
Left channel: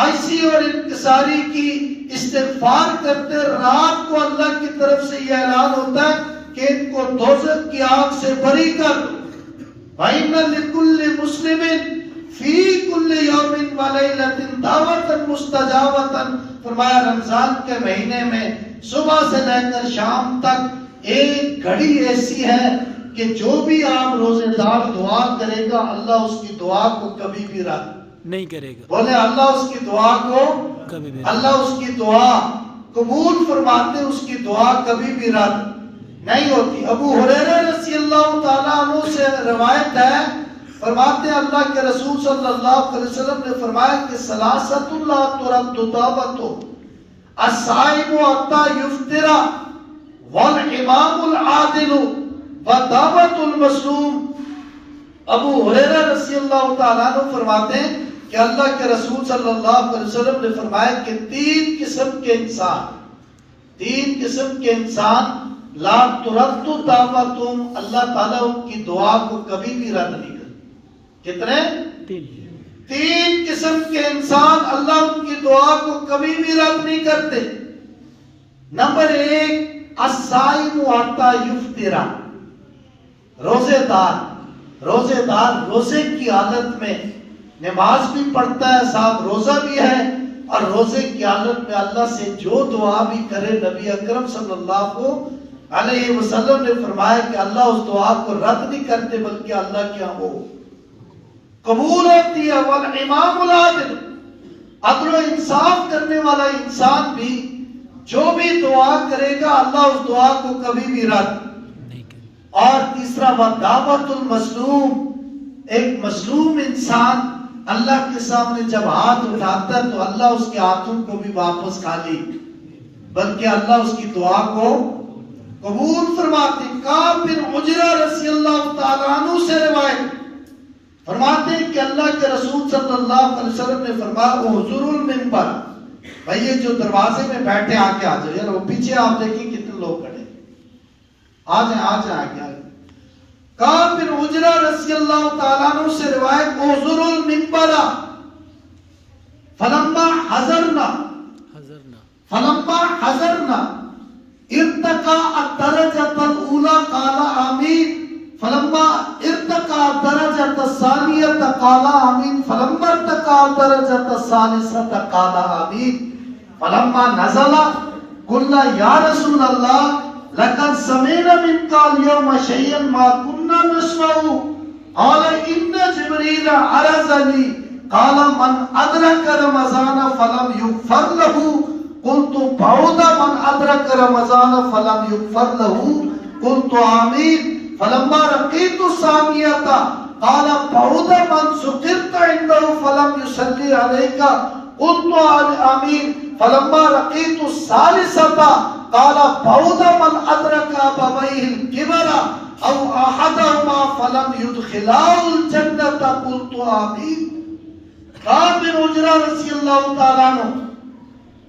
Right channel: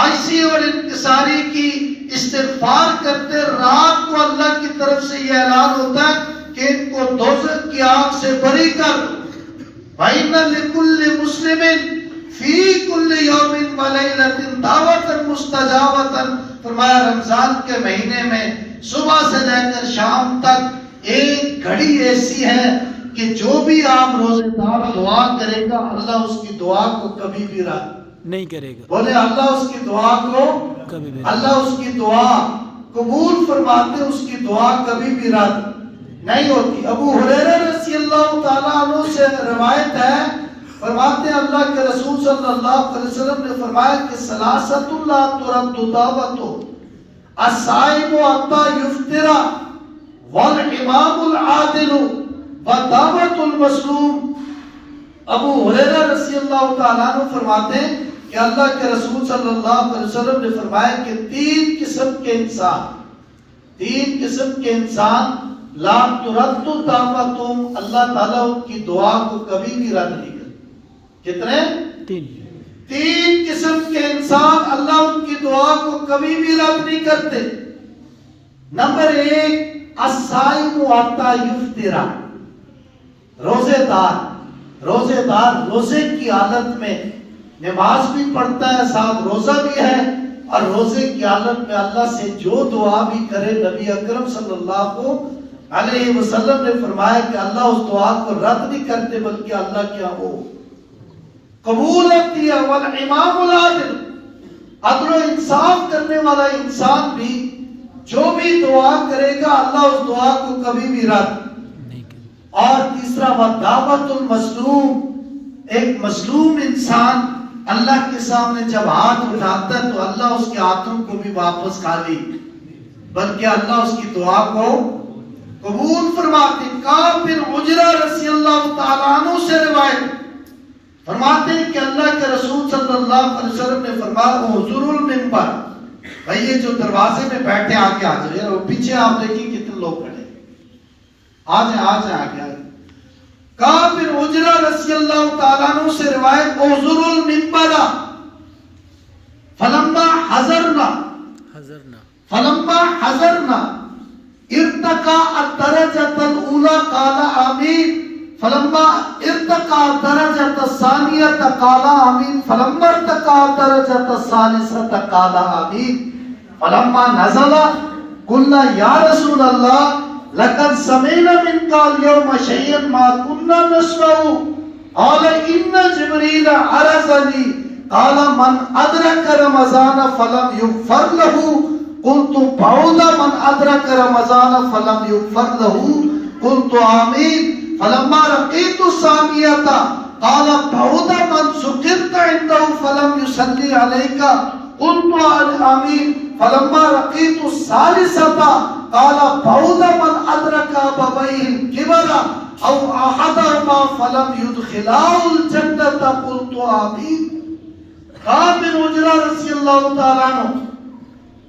آئسی اور انکساری کی، استغفار کرتے، رات کو اللہ کی طرف سے یہ اعلان ہوتا ہے کہ ان کو دوزخ کی آگ سے بری کر دو۔ وَإِنَّ لِكُلِّ مُسْلِمٍ فِي كُلِّ يَوْمٍ وَلَيْلَةٍ دَعْوَةً مُسْتَجَابَةً۔ فرمایا رمضان کے مہینے میں صبح سے لے کر شام تک ایک گھڑی ایسی ہے کہ جو بھی آپ روزے دار دعا کرے گا اللہ اس کی دعا کو کبھی بھی رد نہیں کرے گا، بولے اللہ اس کی دعا کو کبھی بھی اللہ اس کی دعا قبول فرماتے، اس کی دعا کبھی بھی رد نہیں ہوتی۔ ابو ہریرہ رضی اللہ تعالیٰ عنہ سے روایت ہے، فرماتے ہیں اللہ کے رسول صلی اللہ علیہ وسلم نے فرمایا کہ ثلاثۃ لا ترد دعوتهم الصائم حتى يفطر والامام العادل ودعوت المظلوم۔ ابو ہریرہ رضی اللہ تعالیٰ عنہ فرماتے ہیں کہ اللہ کے رسول صلی اللہ علیہ وسلم نے فرمایا کہ تین قسم کے انسان لا ترد دعوتهم، اللہ تعالیٰ ان کی دعا کو کبھی بھی رد نہیں کرتا۔ کتنے؟ تین قسم کے انسان اللہ ان کی دعا کو کبھی بھی رد نہیں کرتے۔ نمبر ایک، الصائم حتی یفطر، روزے دار روزے کی حالت میں نماز بھی پڑھتا ہے، ساتھ روزہ بھی ہے، اور روزے کی حالت میں اللہ سے جو دعا بھی کرے نبی اکرم صلی اللہ علیہ وسلم نے فرمایا کہ اللہ اس دعا کو رد نہیں کرتے بلکہ اللہ کے ہاں وہ قبول ہوتی ہے۔ والامام العادل، عدل و انصاف کرنے والا انسان بھی جو بھی دعا کرے گا اللہ اس دعا کو کبھی بھی رد نہیں کرے۔ اور تیسرا ودعوت المظلوم، ایک مظلوم انسان اللہ کے سامنے جب ہاتھ اٹھاتا ہے تو اللہ اس کے ہاتھوں کو بھی واپس خالی بلکہ اللہ اس کی دعا کو قبول فرماتے۔ کعب بن عجرہ رضی اللہ تعالیٰ عنہ سے روایت فرماتے ہیں کہ اللہ کے رسول صلی اللہ علیہ وسلم نے فرمایا حضور المنبر، بھائی یہ جو دروازے میں بیٹھے آگے آ جائے، اور پیچھے آپ دیکھیں کتنے لوگ کھڑے، آ جائیں آگے آئے۔ کعب بن عجرہ رضی اللہ تعالیٰ عنہ سے روایت حضور المنبر فلما حضرنا ارتقى الدرجة الأولى قال آمين، فلما ارتقى الدرجة الثانية قال آمين، فلما ارتقى الدرجة الثالثة قال آمين، فلما نزل قلنا يا رسول الله لقد سمعنا منك اليوم شيئا ما كنا نسمع، قال إن جبريل عرضني قال من أدرك رمضان فلم يغفر له، قلت بعد من أدرك رمضان فلم يغفر له، قلت آمين، فلما رقيت الثانية قال بعد من سقطت عنده فلم يصلي عليك، قلت آمين، فلما رقيت الثالثة قال بعد من أدرك أبويه الكبر أو أحدهما فلم يدخلاه الجنة، قلت آمين۔ کعب بن عجرہ رضی اللہ تعالیٰ عنہ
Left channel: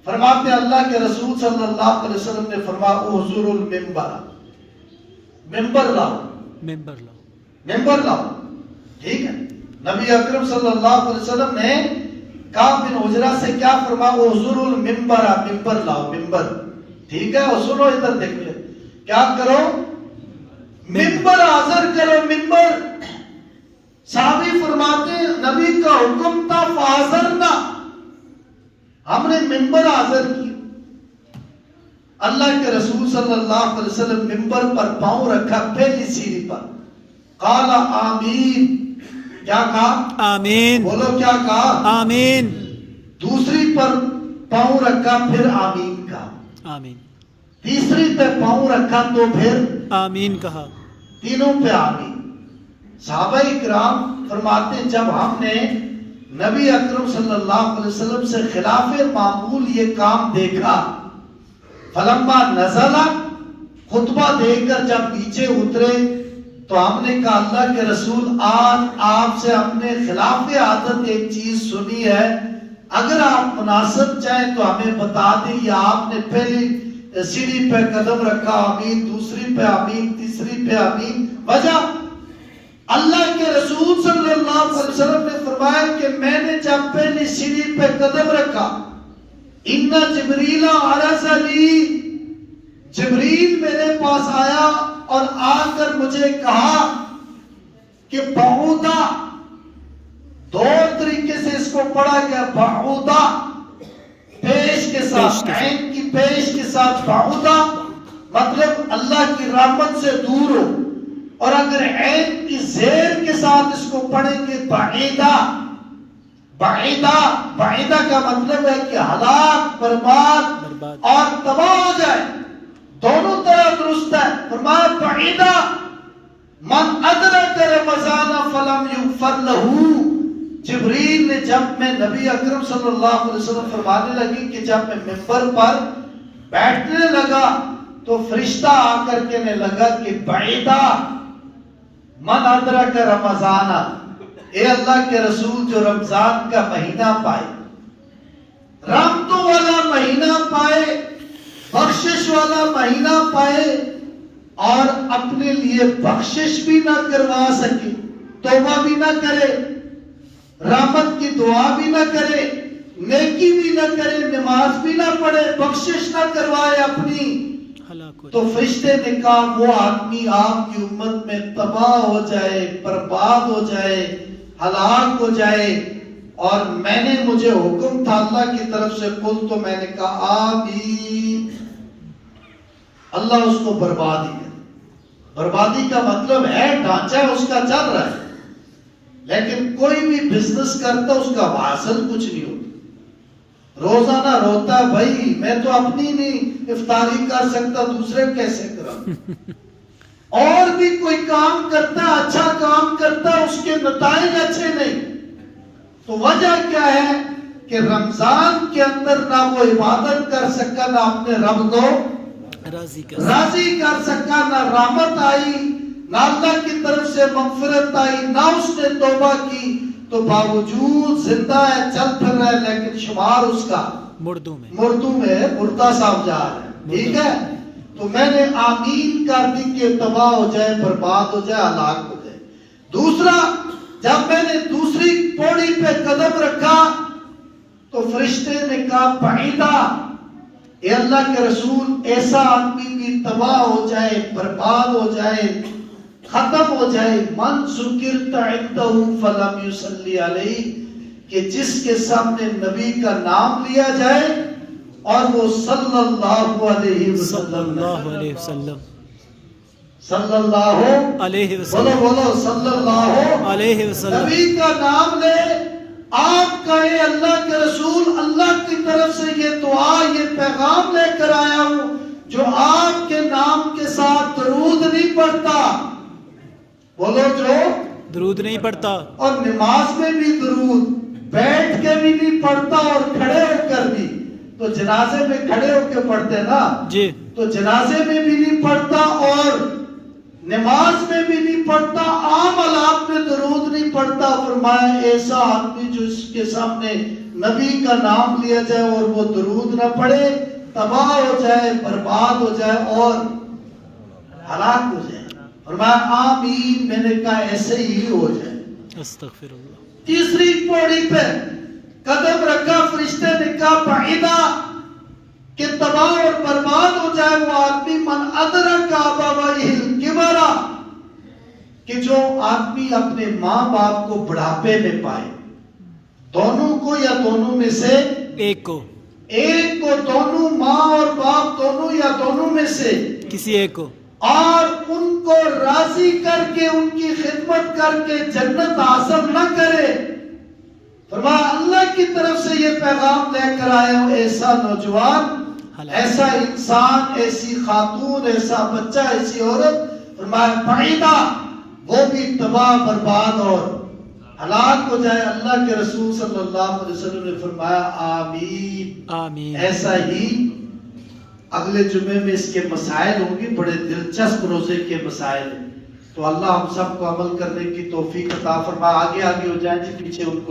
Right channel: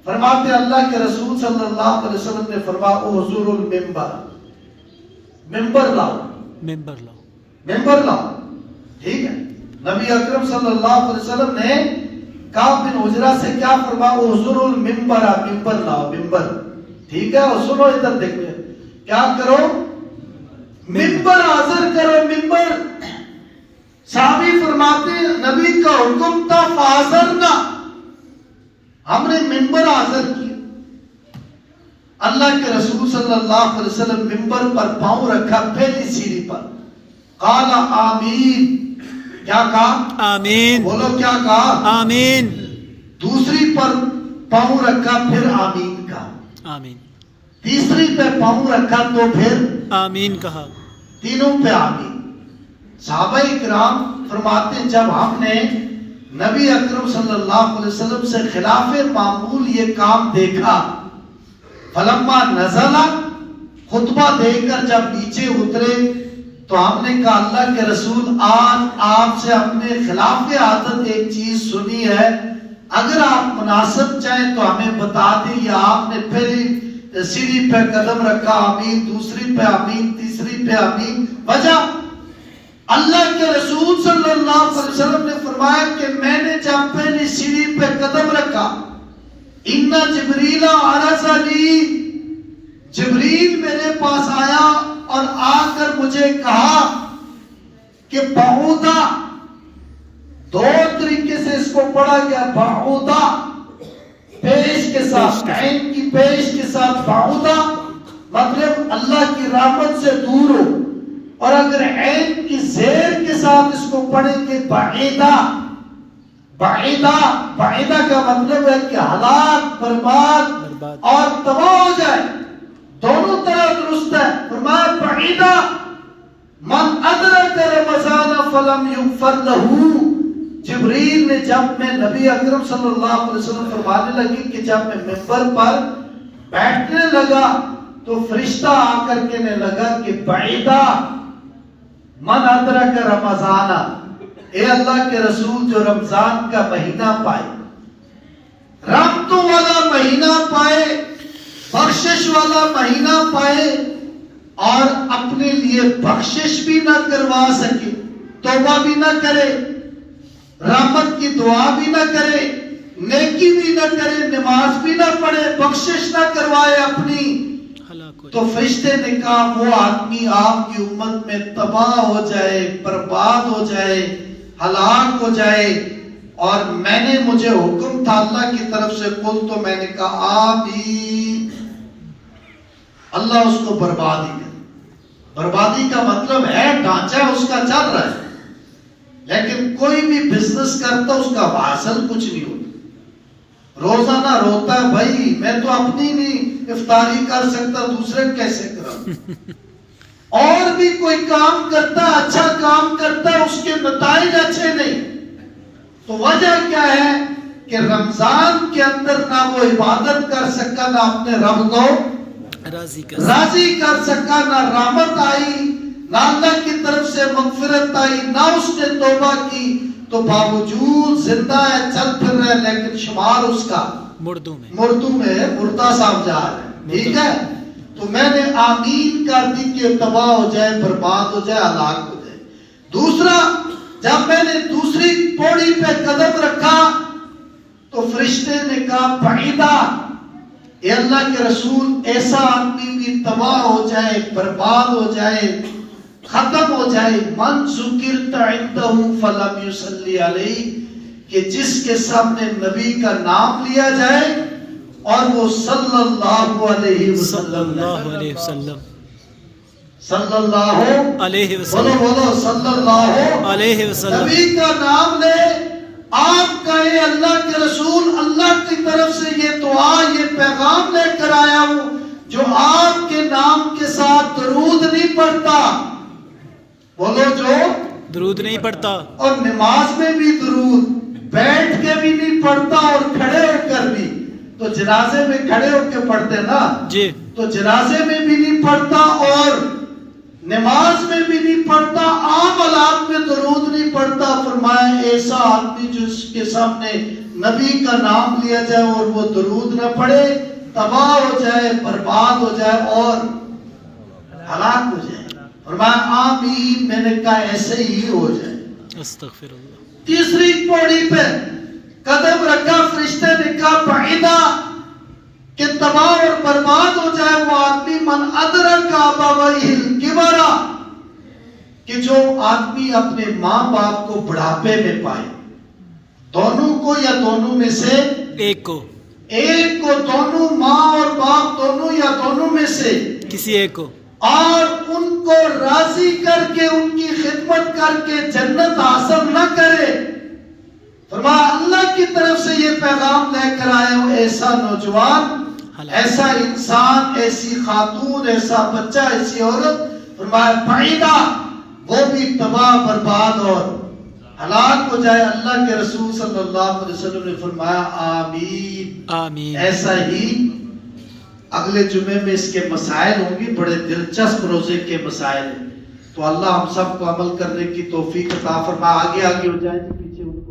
فرماتے اللہ کے رسول صلی اللہ علیہ وسلم نے فرمایا حضور المنبر، ممبر لاؤ، ٹھیک ہے۔ نبی اکرم صلی اللہ علیہ وسلم نے کعب بن عجرہ سے کیا فرمایا حضور المنبر، ممبر لاؤ، ممبر، ٹھیک ہے۔ اور سنو ادھر دیکھو، کیا کرو، ممبر حاضر کرو، ممبر۔ صحابی فرماتے ہیں نبی کا حکم تھا فحاضرنا، ہم نے ممبر حاضر کیا۔ اللہ کے رسول صلی اللہ علیہ وسلم ممبر پر پاؤں رکھا پہلی سیڑھی پر، قال آمین، کیا کہا؟ آمین، بولو کیا کہا؟ آمین۔ دوسری پر پاؤں رکھا پھر آمین کہا، آمین۔ تیسری پہ پاؤں رکھا تو پھر آمین کہا، تینوں پہ آمین۔ صحابہ اکرام فرماتے ہیں جب ہم نے نبی اکرم صلی اللہ علیہ وسلم سے خلاف معمول یہ کام دیکھا، فلما نزل، خطبہ دے کر جب نیچے اترے تو ہم نے کہا اللہ کے رسول آج آپ سے اپنے خلاف عادت ایک چیز سنی ہے، اگر آپ مناسب چاہیں تو ہمیں بتا دیں۔ یا آپ نے پہلی سیڑھی پہ قدم رکھا آمین، دوسری پہ آمین، تیسری پہ آمین، وجہ اللہ کے رسول صلی اللہ علیہ وسلم نے فرمایا کہ میں نے جب پہلی سیڑھی پہ قدم رکھا، ان جبریل عرضنی، جبریل میرے پاس آیا اور آ کر مجھے کہا کہ بعودا، دو طریقے سے اس کو پڑھا گیا، بعودا پیش کے ساتھ، عین کی پیش کے ساتھ بعودا، مطلب اللہ کی رحمت سے دور ہو. اور اگر عین کی زیر کے ساتھ اس کو پڑھیں گے بعیدہ، بعیدہ، بعیدہ کا مطلب ہے کہ ہلاک، برباد اور تباہ ہو جائے. دونوں طرح درست ہے. فرمایا بعیدہ من ادرک رمضان فلم یغفر له. جبریل نے جب میں نبی اکرم صلی اللہ علیہ وسلم فرمانے لگی کہ جب میں منبر پر بیٹھنے لگا تو فرشتہ آ کر کہنے لگا کہ بعیدہ من ادرک رمضان، اے اللہ کے رسول جو رمضان کا مہینہ پائے، رحمتوں والا مہینہ پائے، بخشش والا مہینہ پائے اور اپنے لیے بخشش بھی نہ کروا سکے، توبہ بھی نہ کرے، رحمت کی دعا بھی نہ کرے، نیکی بھی نہ کرے، نماز بھی نہ پڑھے، بخشش نہ کروائے اپنی، تو فرشتے نے کہا وہ آدمی آپ کی امت میں تباہ ہو جائے، برباد ہو جائے، ہلاک ہو جائے. اور میں نے، مجھے حکم تھا اللہ کی طرف سے، قل، تو میں نے کہا آمین. اللہ اس کو بربادی کرے. بربادی کا مطلب ہے ڈھانچہ اس کا چل رہا ہے، لیکن کوئی بھی بزنس کرتا اس کا حاصل کچھ نہیں ہوتا. روزانہ روتا ہے بھائی میں تو اپنی نہیں افطاری کر سکتا، دوسرے کیسے کرا. اور بھی کوئی کام کرتا، اچھا کام کرتا، اس کے نتائج اچھے نہیں. تو وجہ کیا ہے کہ رمضان کے اندر نہ وہ عبادت کر سکا، نہ اپنے رب کو راضی کر سکا، نہ رحمت آئی، نہ اللہ کی طرف سے مغفرت آئی، نہ اس نے توبہ کی. تو باوجود زندہ ہے، چل پھر رہا ہے، لیکن شمار اس کا مردوں میں ہے، مردہ صاحب جا رہا ہے. ٹھیک ہے. تو میں نے آمین کر دی کہ تباہ ہو جائے، برباد ہو جائے، ہلاک ہو جائے. دوسرا، جب میں نے دوسری پوڑی پہ قدم رکھا تو فرشتے نے کہا بعیدہ، اے اللہ کے رسول ایسا آدمی بھی تباہ ہو جائے، برباد ہو جائے، ختم ہو جائے، من ذکرت عنده فلم یصلی علیہ، کہ جس کے سامنے نبی کا نام لیا جائے اور وہ صلی اللہ علیہ وسلم صلی اللہ علیہ وسلم، بولو صلی اللہ علیہ وسلم، نبی کا نام لے. آپ کہے اللہ کے رسول اللہ کی طرف سے یہ دعا، یہ پیغام لے کر آیا ہوں، جو آپ کے نام کے ساتھ درود نہیں پڑھتا، بولو جو درود نہیں پڑھتا، اور نماز میں بھی درود بیٹھ کے بھی نہیں پڑھتا اور کھڑے ہو کر بھی. تو جنازے میں کھڑے ہو کے پڑھتے نا جی، تو جنازے میں بھی نہیں پڑھتا اور نماز میں بھی نہیں پڑھتا، عام حالات میں درود نہیں پڑھتا. فرمایا ایسا آدمی جس کے سامنے نبی کا نام لیا جائے اور وہ درود نہ پڑھے، تباہ ہو جائے، برباد ہو جائے اور ہلاک ہو جائے. فرمایا آمین. میں نے کہا ایسے ہی ہو جائے. استغفر اللہ. تیسری پوڑی پہ قدم رکھا، فرشتے نے کہا بعیدہ، کہ تباہ اور برباد ہو جائے وہ آدمی من ادرک ابویہ الکبر، کہ جو آدمی اپنے ماں باپ کو بڑھاپے میں پائے، دونوں کو یا دونوں میں سے ایک کو، دونوں ماں اور باپ دونوں یا دونوں میں سے کسی ایک کو، اور ان کو راضی کر کے ان کی خدمت کر کے جنت حاصل نہ کرے. فرمایا اللہ کی طرف سے یہ پیغام لے کر آئے ہو، ایسا نوجوان، ایسا انسان، ایسی خاتون، ایسا بچہ، ایسی عورت، فرمایا بعیدہ، وہ بھی تباہ، برباد اور ہلاک ہو جائے. اللہ کے رسول صلی اللہ علیہ وسلم نے فرمایا آمین. آمین. ایسا ہی اگلے جمعے میں اس کے مسائل ہوں گی، بڑے دلچسپ روزے کے مسائل ہیں. تو اللہ ہم سب کو عمل کرنے کی توفیق عطا فرمائے. آگے ہو جائیں جی، پیچھے ان کو